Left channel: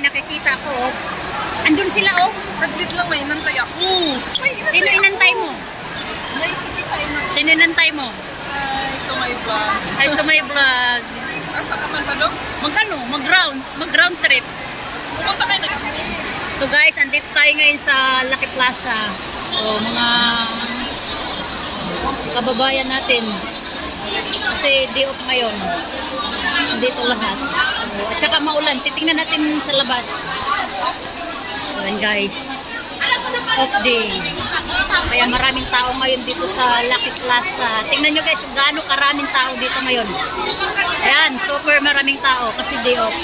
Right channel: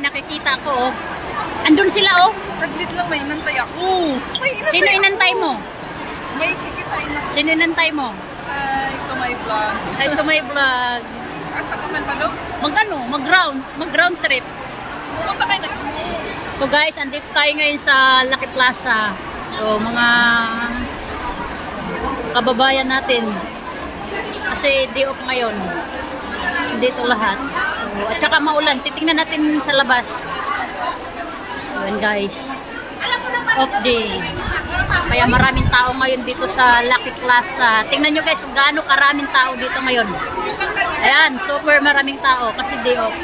nakikita ko. Andun sila oh. Saglit lang, may inantay ako. Sino inantay mo? May kikitay na. Sino inantay mo? Hi, to my vlog. Hi to my vlog. Asa ka man pa no? Mag-ground trip. Pumunta kayo na. So guys, andito tayo ngayon sa Lucky Plaza. So mga kababayan natin. Kasi day off ngayon. Dito lahat. So, at saka maulan. Titingnan natin sa labas. Ayan guys. Off day. Kaya maraming tao ngayon dito sa Lucky Plaza. Tingnan nyo guys kung gaano karaming tao dito ngayon. Ayan, super maraming tao kasi day off.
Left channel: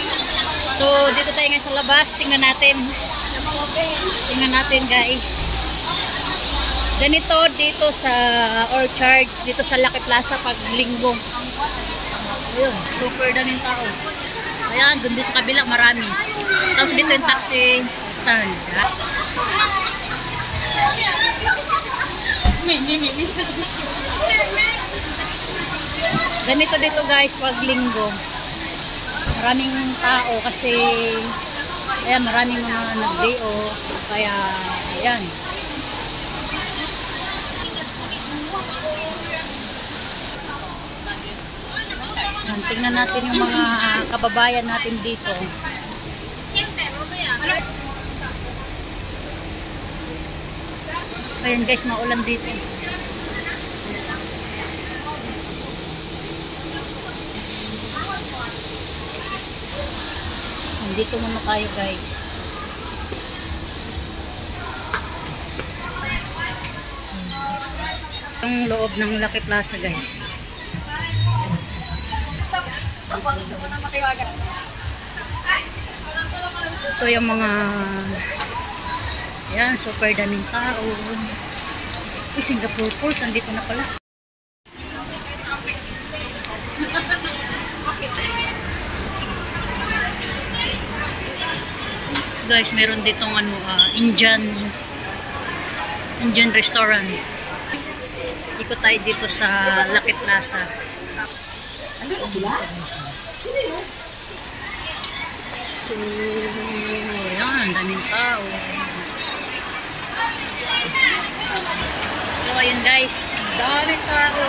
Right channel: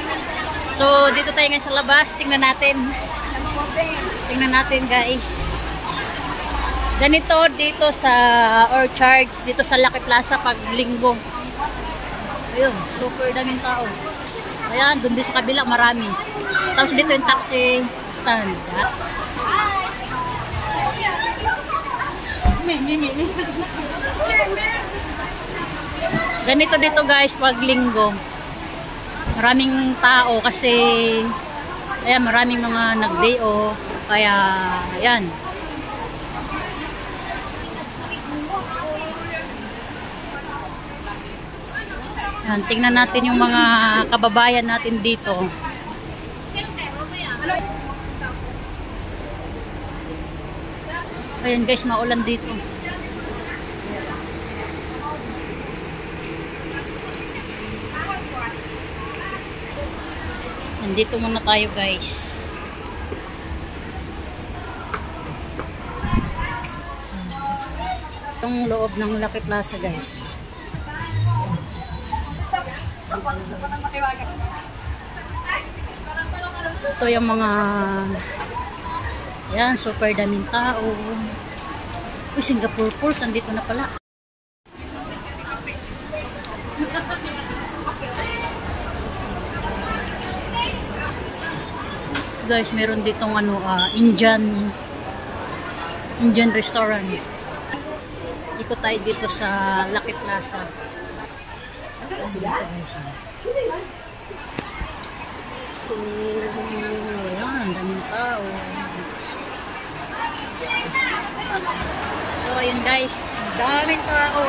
So, dito tayo ngayon sa labas. Tingnan natin. Tingnan natin guys. Ganito dito sa Orchards, dito sa Lucky Plaza pag linggo. Ayun, super daming tao. Ayan, doon din sa kabila marami. Tapos dito yung taxi stand. Ganito dito guys pag linggo. Maraming tao kasi ayan, maraming mga nag-day off. Kaya ayan. Tingnan natin yung mga kababayan natin dito. Ayan guys, maulan dito. Nandito muna tayo guys. Yung loob ng Lucky Plaza guys. Ito yung mga yan, super daming tao. Uy, Singapore Falls, andito na pala. Guys, meron ditong ano, Indian restaurant. Ikot tayo dito sa Lucky Plaza. So, ayan, daming tao. So, ayan guys, daming tao.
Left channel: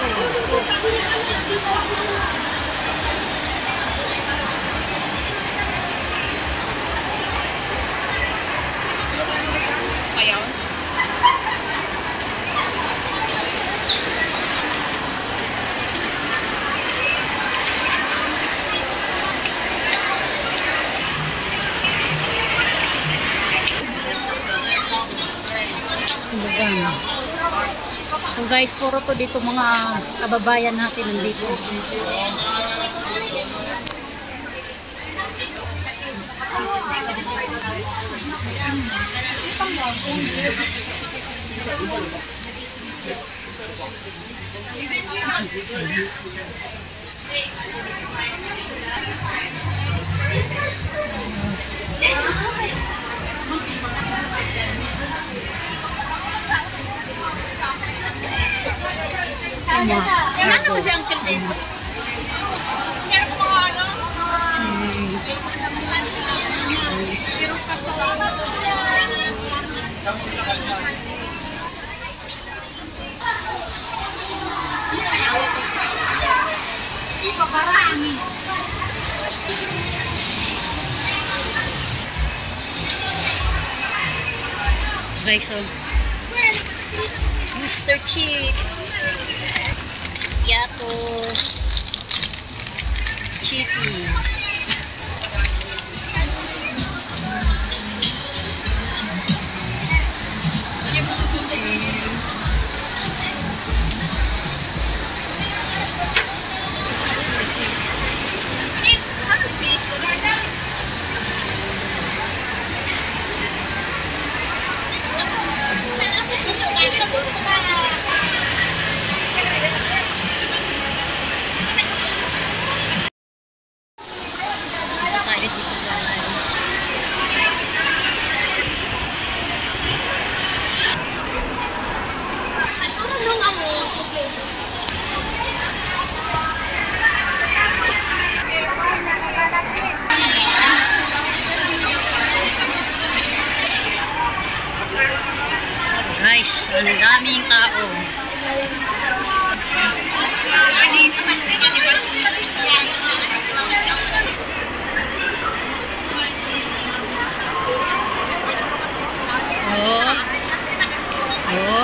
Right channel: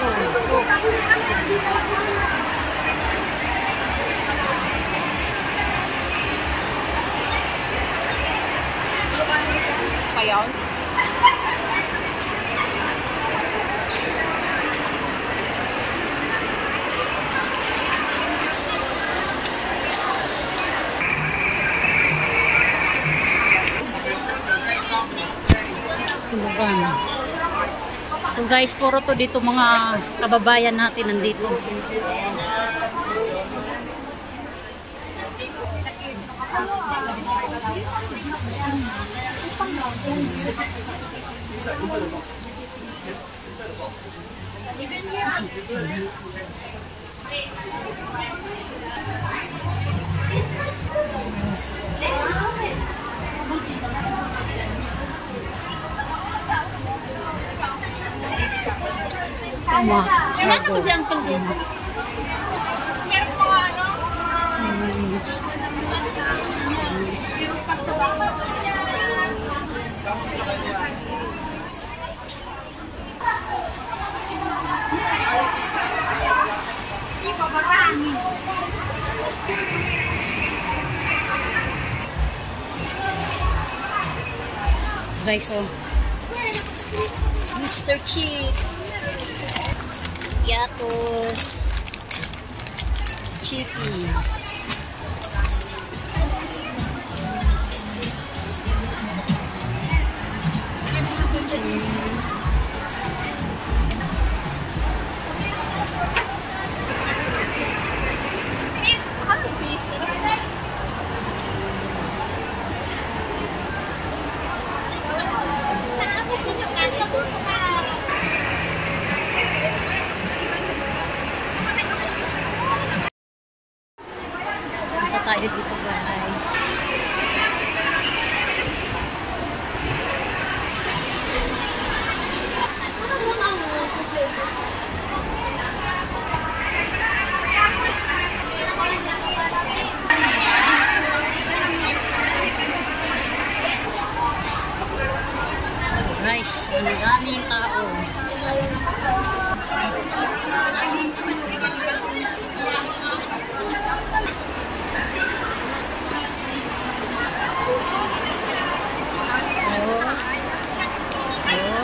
Payaw. Tulugan. So guys, puro to dito mga kababayan natin nandito. Kailan naman si Uncle din? Meron po mga ano? Guys, so Mr. Cheap Yatos Chippy. Tayo dito guys. Guys, ang daming tao. Oh. Oh.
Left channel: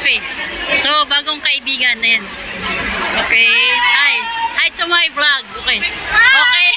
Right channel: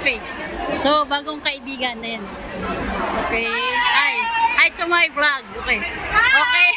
Okay. So, bagong kaibigan na yan. Okay. Hi. Hi to my vlog. Okay. Okay.